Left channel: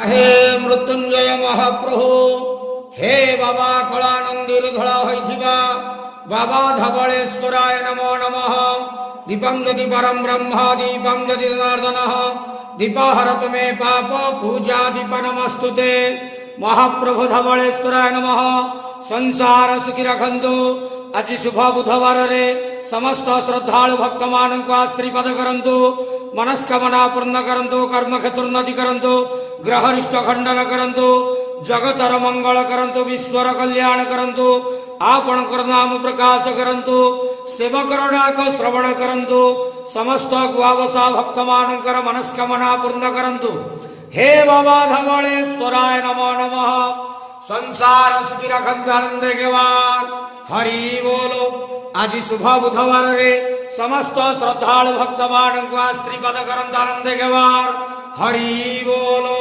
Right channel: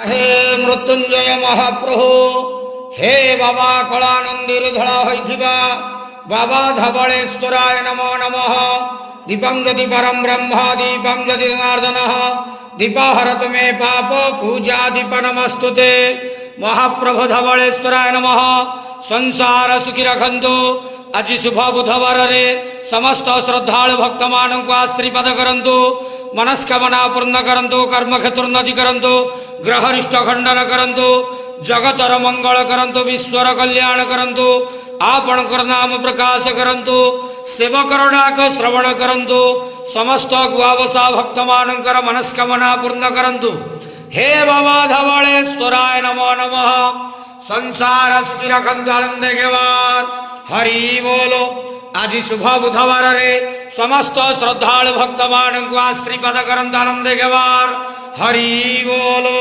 हे मृत्युंजय महाप्रभु हे बाबा कलानंदीर धड़ा होइथिबा बाबा धवलेश्वराय नमो नमः। दीपं ज्योति परम ब्रह्म दीपं ज्योति जनार्दन दीपाहरत मे पाप पूजा दीप नमस्तुते। महाप्रभु धवलेश्वराय नमः। संसार सुखी रखंतु। आज शुभ बुधवार रे समस्त श्रद्धालु भक्त मान को आश्रीपद करंतु। मनस्कामना पूर्ण करंतु। कर्म क्षेत्र उन्नति करंतु। ग्रहरिष्ट खंडन करंतु। जगतर मंगल करंतु। विश्वर कल्याण करंतु। आपणकर नाम प्रकाश करंतु। सेवकर डाक श्रवण करंतु। समस्त गुआवसा भक्त मानकर मनस्कामना पूर्ण करंतु। हे बाबा धवलेश्वराय नमो नमः। संसार सुखी रखंतु आनंद गेवार हरि बोलो। आज शुभ बुधवार रे समस्त श्रद्धालु भक्त मान को आश्रीपद करंतु आनंद गेवार हरि बोलो।